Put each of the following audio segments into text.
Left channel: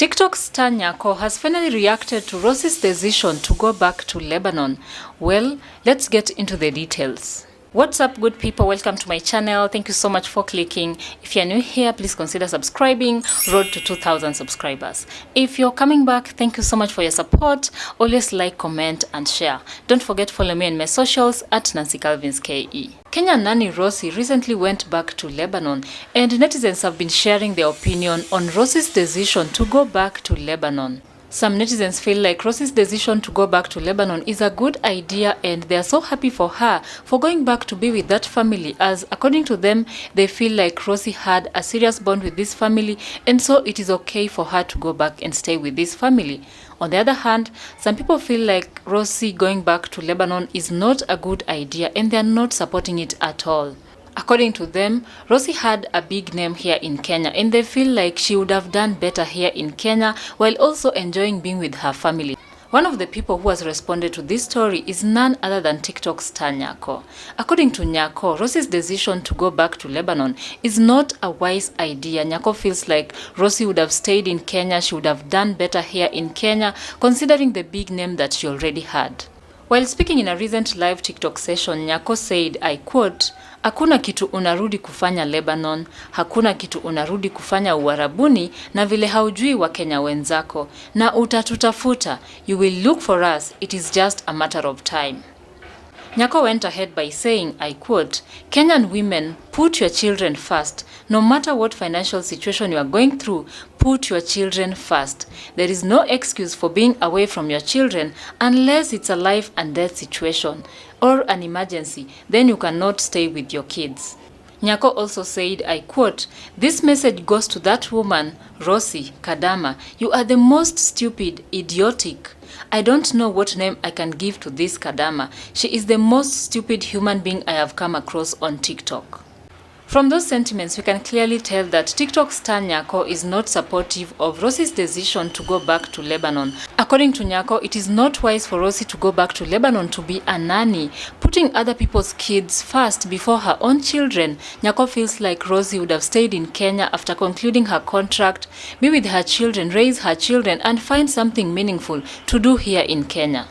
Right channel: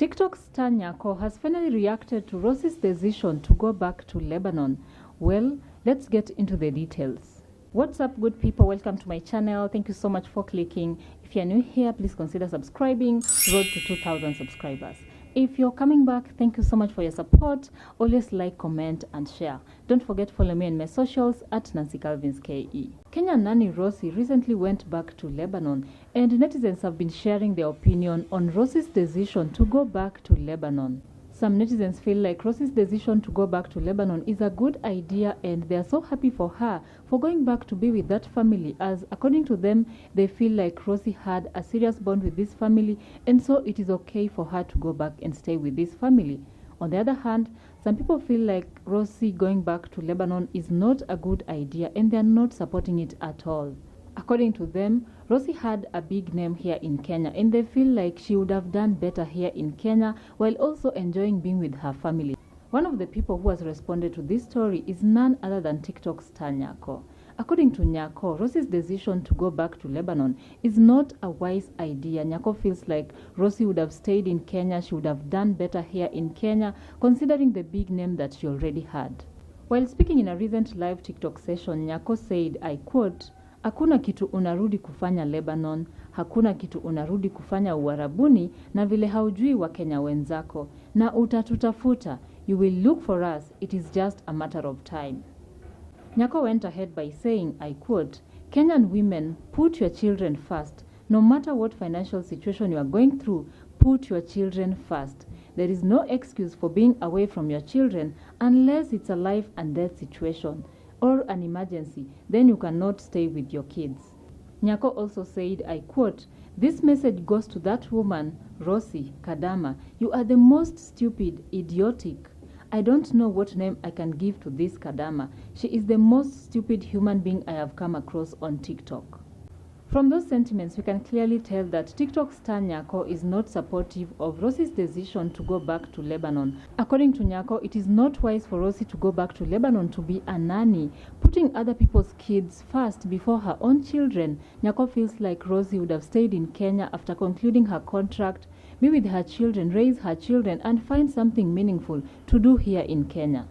TikTok star Nyako has finally reacted to Rosie's decision to go back to Lebanon. Well, let's get into the details. What's up, good people? Welcome to my channel. Thank you so much for clicking. If you're new here, please consider subscribing. Road to 2,000 subscribers. If you're coming back, thank you so much for your support. Always like, comment, and share. Don't forget to follow me on my socials at Nancy Calvins KE. Kenyan nanny Rosie recently went back to Lebanon, and netizens have been sharing their opinion on Rosie's decision to go back to Lebanon. Some netizens feel like Rosie's decision to go back to Lebanon is a good idea, and they are so happy for her for going back to be with that family, as according to them, they feel like Rosie had a serious bond with this family, and so it is okay for her to go back and stay with this family. On the other hand, some people feel like Rosie going back to Lebanon is not a good idea, and they are not supporting it at all. According to them, Rosie had a big name here in Kenya, and they feel like she would have done better here in Kenya while also enjoying being with her family. One of the people who has responded to this story is none other than TikTok star Nyako. According to Nyako, Rosie's decision to go back to Lebanon is not a wise idea. Nyako feels like Rosie would have stayed in Kenya. She would have done better here in Kenya, considering the big name that she already had. While speaking in a recent live TikTok session, Nyako said, I quote, "Hakuna kitu unarudi kufanya Lebanon, hakuna kitu unarudi kufanya Uarabuni, na vile haujui wa Kenya wenzako, na utatutafuta, you will look for us, it is just a matter of time." Nyako went ahead by saying, I quote, "Kenyan women, put your children first. No matter what financial situation you are going through, put your children first. There is no excuse for being away from your children unless it's a life and death situation or an emergency. Then you cannot stay with your kids." Nyako also said, I quote, "This message goes to that woman, Rosie Kadama. You are the most stupid, idiotic. I don't know what name I can give to this Kadama. She is the most stupid human being I have come across on TikTok." From those sentiments, we can clearly tell that TikTok star Nyako is not supportive of Rosie's decision to go back to Lebanon. According to Nyako, it is not wise for Rosie to go back to Lebanon to be a nanny, putting other people's kids first before her own children. Nyako feels like Rosie would have stayed in Kenya after concluding her contract, be with her children, raise her children, and find something meaningful to do here in Kenya.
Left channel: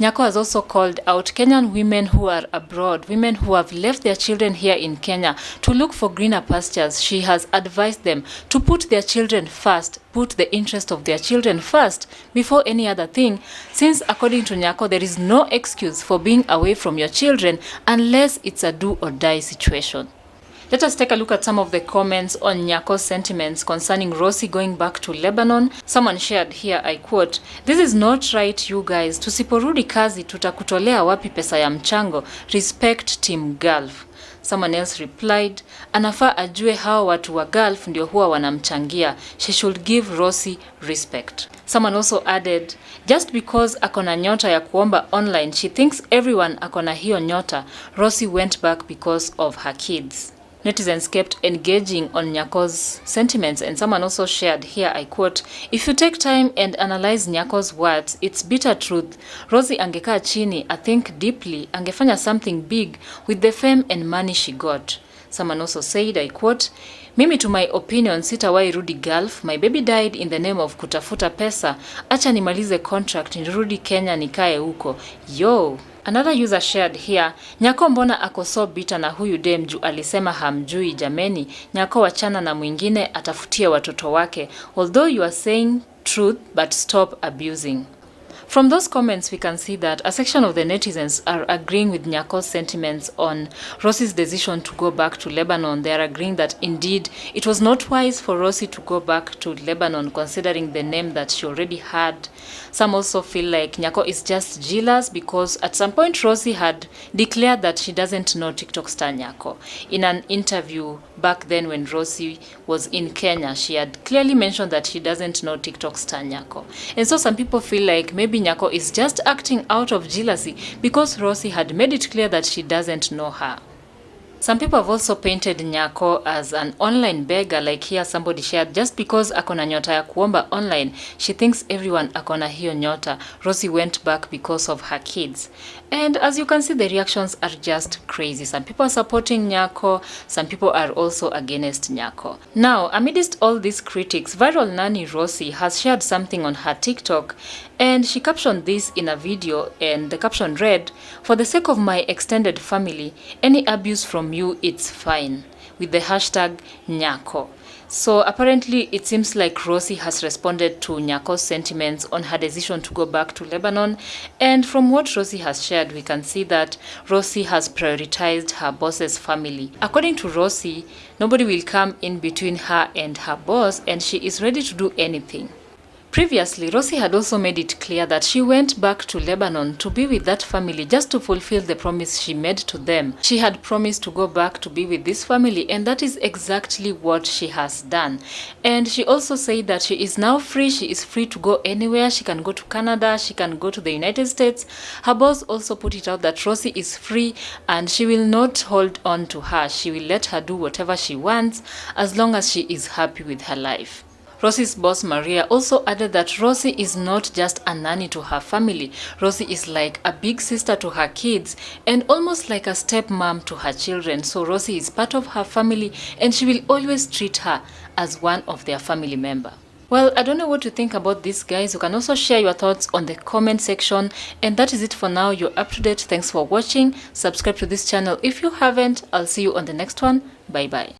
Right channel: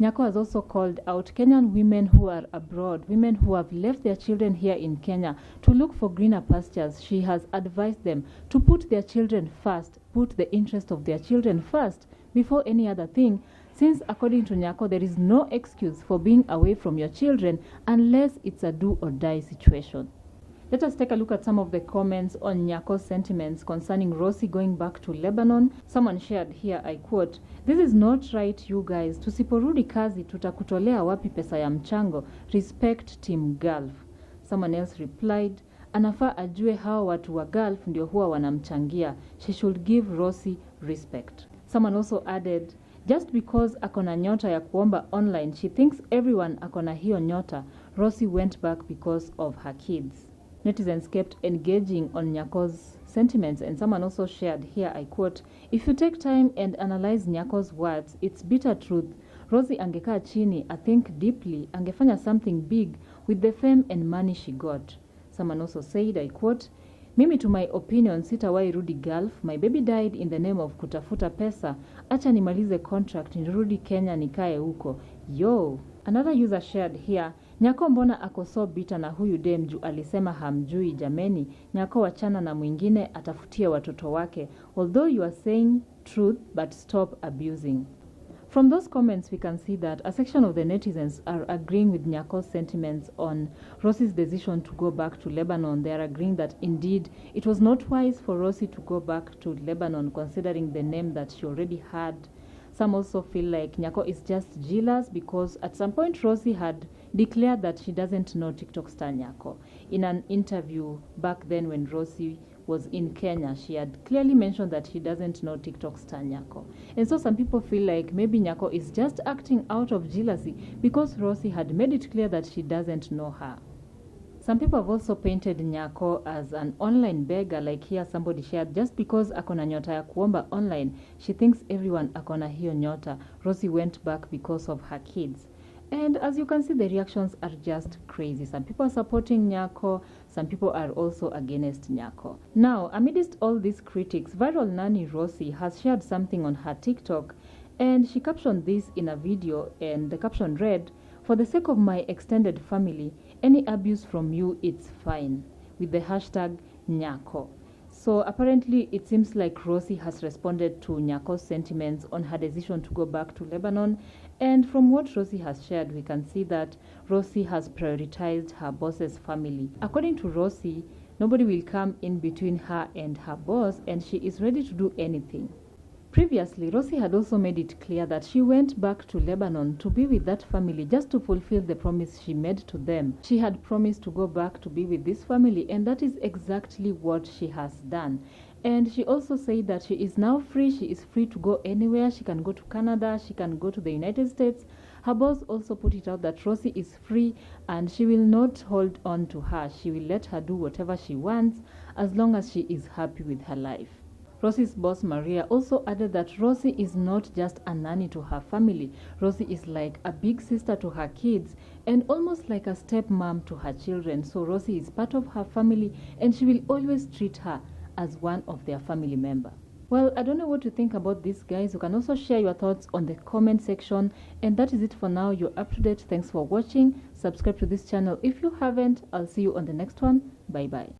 Nyako has also called out Kenyan women who are abroad, women who have left their children here in Kenya to look for greener pastures. She has advised them to put their children first, put the interest of their children first before any other thing, since according to Nyako, there is no excuse for being away from your children unless it's a do or die situation. Let us take a look at some of the comments on Nyako's sentiments concerning Rosie going back to Lebanon. Someone shared here, I quote, "This is not right, you guys. Tusiporudi kazi tutakutolea wapi pesa ya mchango? Respect Team Gulf." Someone else replied, "Anafaa ajue hao watu wa Gulf ndio huwa wanamchangia. She should give Rosie respect." Someone also added, "Just because akona nyota ya kuomba online, she thinks everyone akona hiyo nyota. Rosie went back because of her kids." Netizens kept engaging on Nyako's sentiments, and someone also shared here, I quote, "If you take time and analyze Nyako's words, it's bitter truth. Rosie angekaa chini, I think deeply, angefanya something big with the fame and money she got." Someone also said, I quote, "Mimi to my opinion, sitawahi rudi Gulf. My baby died in the name of kutafuta pesa. Acha nimalize contract, nirudi Kenya nikae huko. Yo." Another user shared here, "Nyako mbona ako so bitter na huyu dem juu alisema hamjui jameni. Nyako wachana na mwingine atafutie watoto wake. Although you are saying truth, but stop abusing." From those comments, we can see that a section of the netizens are agreeing with Nyako's sentiments on Rosie's decision to go back to Lebanon. They are agreeing that indeed it was not wise for Rosie to go back to Lebanon, considering the name that she already had. Some also feel like Nyako is just jealous because at some point Rosie had declared that she doesn't know TikTok star Nyako. In an interview back then when Rosie was in Kenya, she had clearly mentioned that she doesn't know TikTok star Nyako. And so some people feel like maybe Nyako is just acting out of jealousy because Rosie had made it clear that she doesn't know her. Some people have also painted Nyako as an online beggar, like here somebody shared, just because akona nyota ya kuomba online, she thinks everyone akona hiyo nyota. Rosie went back because of her kids. And as you can see, the reactions are just crazy. Some people are supporting Nyako, some people are also against Nyako. Now, amidst all these critics, viral nanny Rosie has shared something on her TikTok, and she captioned this in a video, and the caption read, "For the sake of my extended family, any abuse from you, it's fine," with the hashtag Nyako. So apparently it seems like Rosie has responded to Nyako's sentiments on her decision to go back to Lebanon. And from what Rosie has shared, we can see that Rosie has prioritized her boss's family. According to Rosie, nobody will come in between her and her boss, and she is ready to do anything. Previously, Rosie had also made it clear that she went back to Lebanon to be with that family just to fulfill the promise she made to them. She had promised to go back to be with this family, and that is exactly what she has done. And she also said that she is now free. She is free to go anywhere. She can go to Canada. She can go to the United States. Her boss also put it out that Rosie is free and she will not hold on to her. She will let her do whatever she wants as long as she is happy with her life. Rosie's boss Maria also added that Rosie is not just a nanny to her family. Rosie is like a big sister to her kids and almost like a stepmom to her children. So Rosie is part of her family and she will always treat her as one of their family member. Well, I don't know what to think about this, guys. You can also share your thoughts on the comment section. And that is it for now. You're up to date. Thanks for watching. Subscribe to this channel if you haven't. I'll see you on the next one. Bye bye.